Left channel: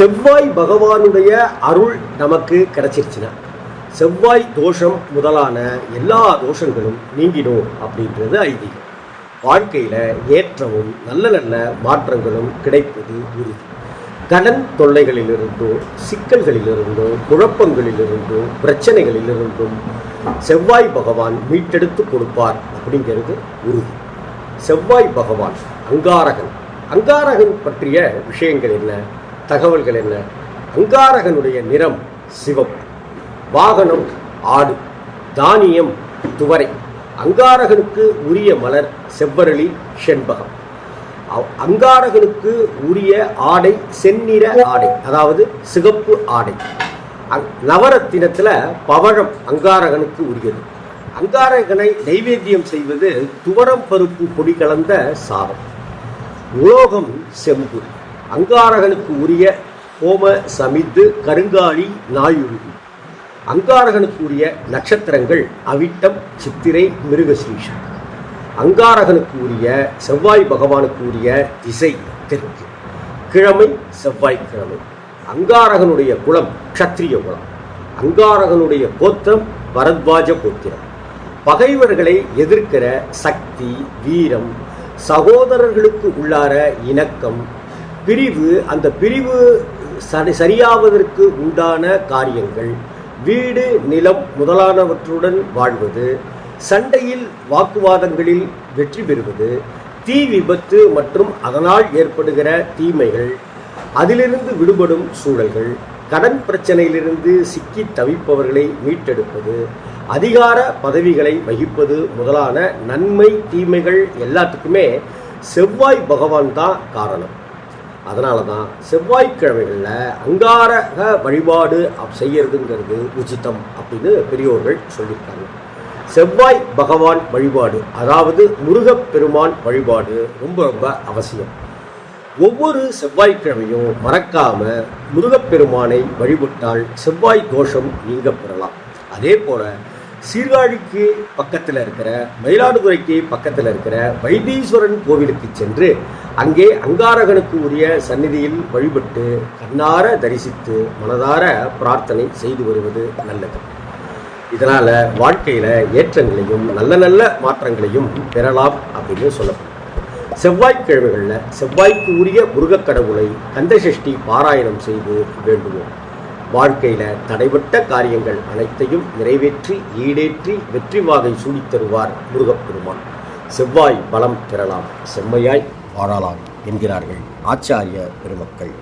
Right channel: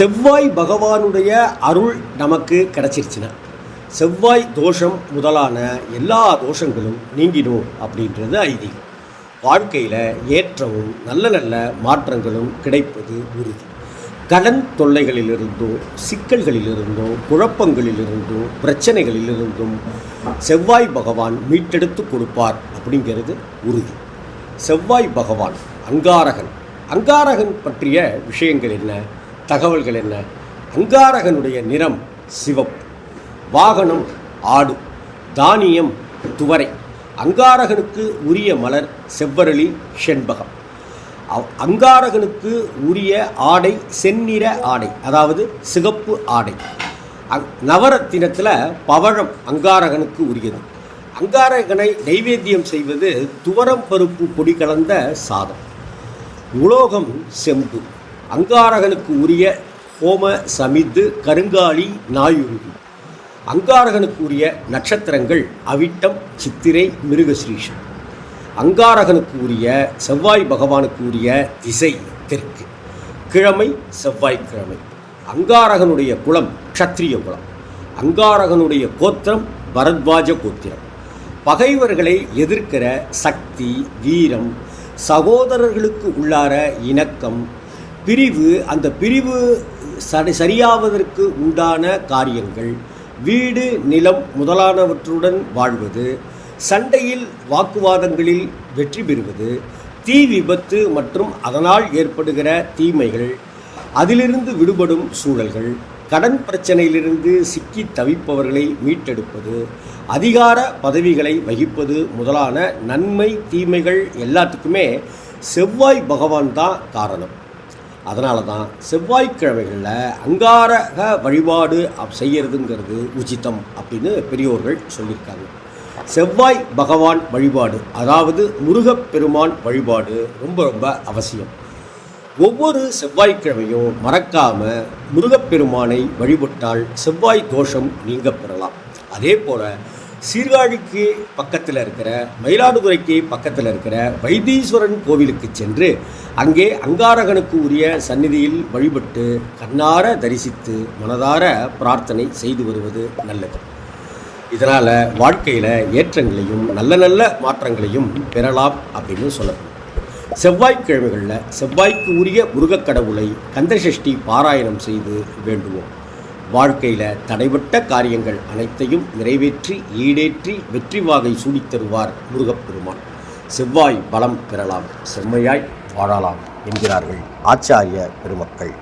செவ்வாய் பகவானுடைய அருள் நமக்கு கிடைச்சிருச்சுன்னா செவ்வாய் தோஷம் முதலான எல்லா தோஷங்களும் நீங்கிடும் அப்படின்றது ஐதீகம். வாழ்க்கையில் ஏற்றமும் நல்ல நல்ல மாற்றங்களும் கிடைப்பது உறுதி. கடன் தொல்லைகளிலிருந்தோ சிக்கல்களிலிருந்தோ குழப்பங்களிலிருந்தோ பிரச்சனைகளிலிருந்தும் செவ்வாய் பகவான் மீட்டெடுத்து கொடுப்பார் அப்படிங்கிறது உறுதி. செவ்வாய் பகவான் அங்காரகன். அங்காரகன் பற்றிய விஷயங்கள் என்ன? தகவல்கள் என்ன? அங்காரகனுடைய நிறம் சிவப்பு வாகனம் ஆடு தானியம் துவரை. அங்காரகனுக்கு உரிய மலர் செவ்வரளி செண்பகம். அவ்- அங்காரகனுக்கு உரிய ஆடை செந்நிற ஆடை அதாவது சிகப்பு ஆடை. அங்- நவரத்தினத்தில் பவழம் அங்காரகனுக்கு உரியது. அங்காரகனை நைவேத்தியம் செய்வது துவரம் பருப்பு பொடி கலந்த சாதம். உலோகம் செம்பு. அங்காரகனுக்கு உரிய ஹோம சமித்து கருங்காலி நாயுருவி அங்காரகனுக்கு உரிய நட்சத்திரங்கள் அவிட்டம் சித்திரை மிருகஸ்ரீஷம் அங்காரகனுக்கு உரிய செவ்வாய் பகவானுக்கு உரிய திசை தெற்கு. கிழமை செவ்வாய்க்கிழமை. அங்காரகனுடைய குலம் க்ஷத்ரிய குலம். அங்காரகனுடைய கோத்திரம் பரத்வாஜ கோத்திரம். பகைவர்களை எதிர்க்கிற சக்தி வீரம் சகோதரர்களுக்கு உள்ளார இணக்கம் பிரிவு அந்த பிரிவு சரி சரியாவதற்கு உண்டான காரியங்கள். வீடு நிலம் முதலானவற்றுடன் வாழ்வது. சண்டையில் வாக்குவாதங்களில் வெற்றி பெறுவது. தீ விபத்து மற்றும் அதனால் ஏற்படுகிற தீமைகள். அதிலிருந்து விடுபடும் சூழல்கள். கடன் பிரச்சனையிலிருந்து சிக்கி தவிப்பவர்களை மீட்டெடுப்பது. அதிகார பதவிகளை வகிப்பது முதலான நன்மை தீமைகள் எல்லாத்துக்குமே செவ்வாய் பகவான் தான் காரணம். அதனால தான் செவ்வாய்க்கிழமைகளில் அங்காரக வழிபாடு செய்யறதுங்கிறது உச்சிதம் அப்படின்னு பெரியோர்கள் சொல்லியிருக்காங்க. செவ்வாய் பகவான் வழிபாடு அதாவது முருகப்பெருமான் வழிபாடு ரொம்ப ரொம்ப அவசியம். ஒவ்வொரு செவ்வாய்க்கிழமையும் மறக்காம முருகப்பெருமானை வழிபட்டால் செவ்வாய் தோஷம் நீங்க பெறலாம். அதே போல சீர்காழிக்கு பக்கத்தில் இருக்கிற மயிலாடுதுறைக்கு பக்கத்தில் இருக்கிற வைத்தீஸ்வரன் கோவிலுக்கு சென்று அங்கே அங்காரகனுக்கு உரிய சந்நிதியில் வழிபட்டு கண்ணார தரிசித்து மனதார பிரார்த்தனை செய்து வருவது நல்லது. இதனால் வாழ்க்கையில் ஏற்றங்களையும் நல்ல நல்ல மாற்றங்களையும் பெறலாம் அப்படின்னு சொல்லப்படும். செவ்வாய்க்கிழமைகளில் செவ்வாய்க்கு உரிய முருகக் கடவுளை கந்தசஷ்டி பாராயணம் செய்து வேண்டுவோம். வாழ்க்கையில் தடைபட்ட காரியங்கள் அனைத்தையும் நிறைவேற்றி ஈடேற்றி வெற்றி வாகை சூடித் தருவார் முருகப்பெருமான். செவ்வாய் பலம் பெறலாம் செம்மையாய் வாழலாம் என்கிறார்கள் ஆச்சாரிய பெருமக்கள்.